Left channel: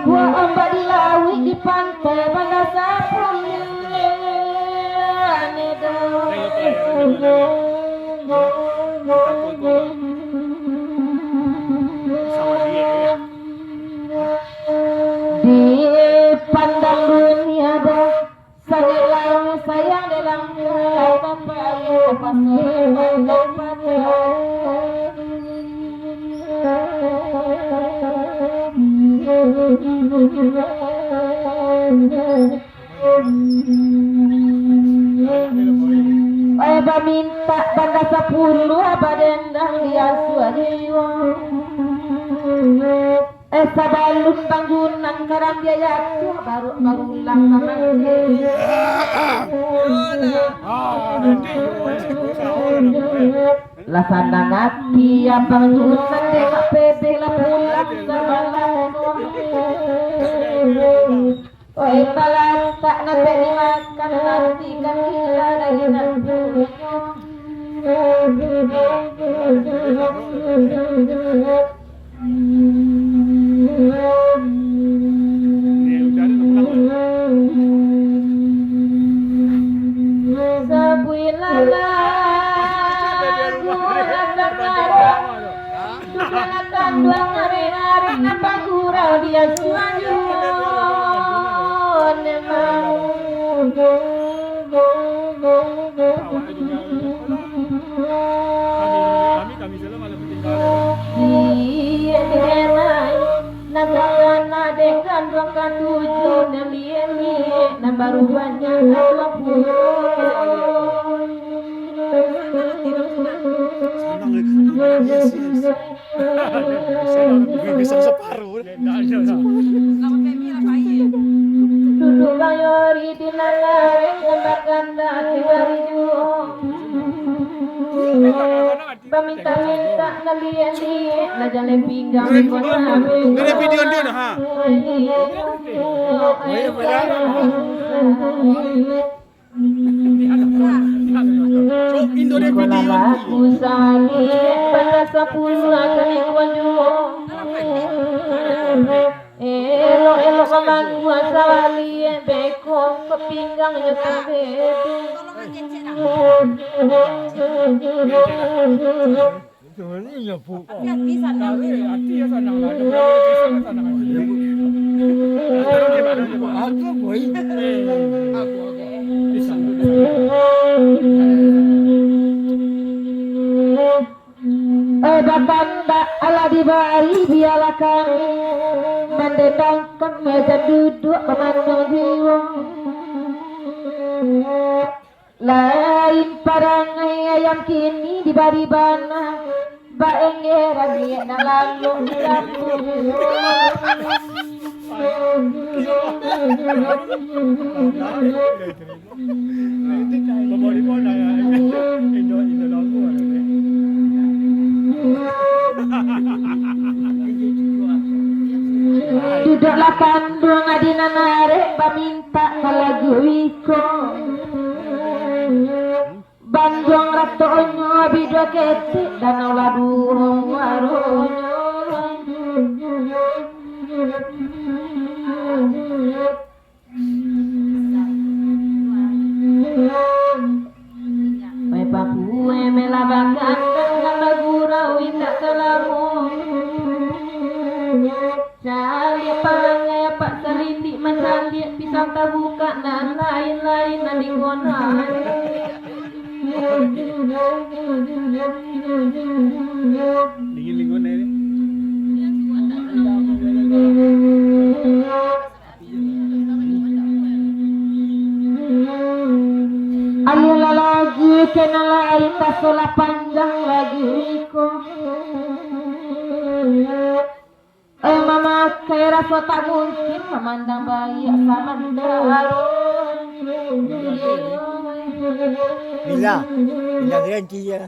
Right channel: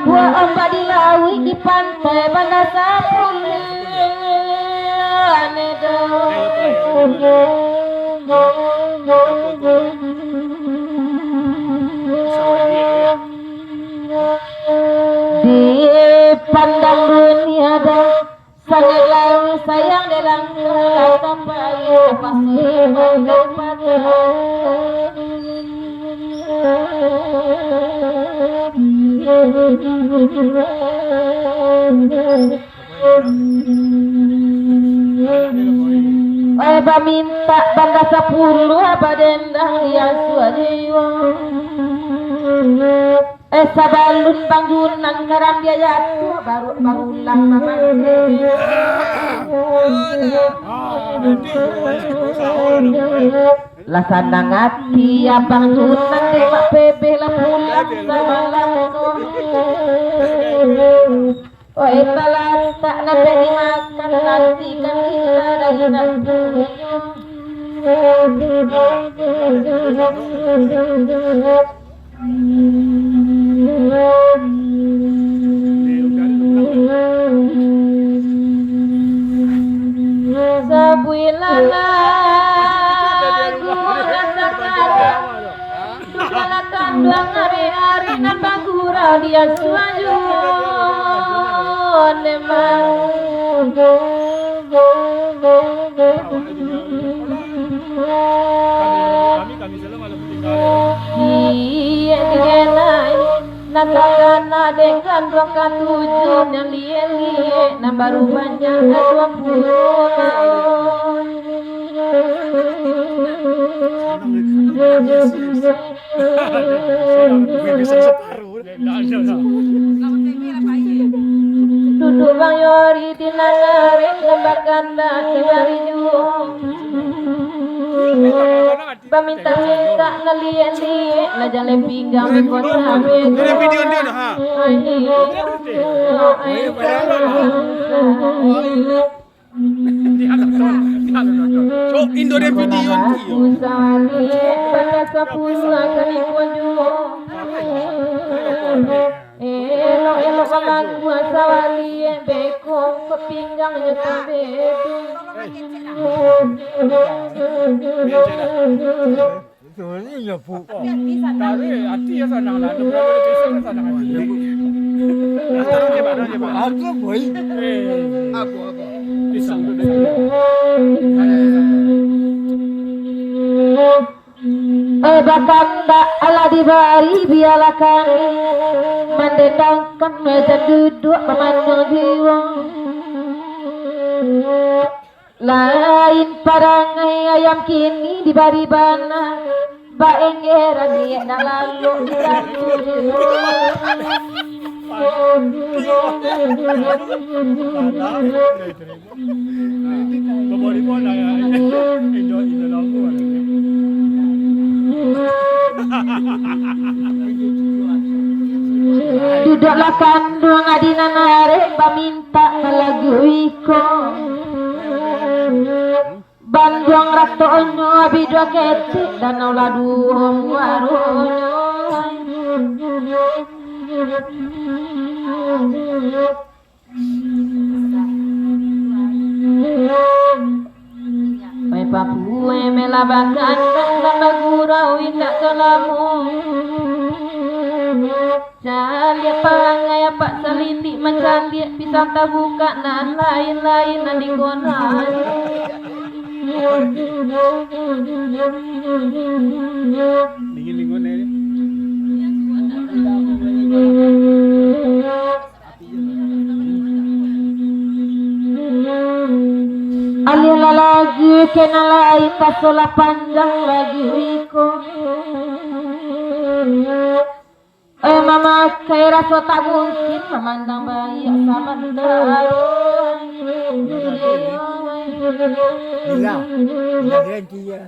buah ombak di lawi di pantai Banda Sapul. Di pandang dunia dah sangat sayang dalam kapal pasti mendapat Aba minta Banda Sapulu aba dendang dia suajiwa sabalun bangunan karam dia jatuh baru ulang nama lah sandang hati abang tunan demak pepe lah pulang semalam oi talan tak nanti dimakan nanti kan kita dari nanti dia suaju kami selalu malam tinggal iya direnai nakakana dengan 27 yang liye-liye nah baru banyak 20 duduk bang yori di nangareng lembakan dati bariju paminta-minta ngeliat-liat lah jalan pinggang ada video dia nah ha Indo dia video aku sawali pada 10 akan kunjung elok kaman gua sawali bekong kepinggang nyukur bedu ini ya bu hati ya sana lah aku boy aku Bakanda ala dibari biarlah kami mendendangkan meja duduk memandang jiwa lain parangai ayam kini dibari bana baengera dia na lalu duduklah kandung adina narek paminta lagu iko Bandung rato onyo abido kecik dan oladuhong waronyo Pai papue melabakan nama gurau indak kelamu Caliak pangai pak salindik mencaliak pisang tabuka dan lain-lain nanti konan dingin-dingin ini alila lagi kena lain kasola panjang lagi wiko mama kayak rasa tak mungkin memandang bayi sama daru bila dia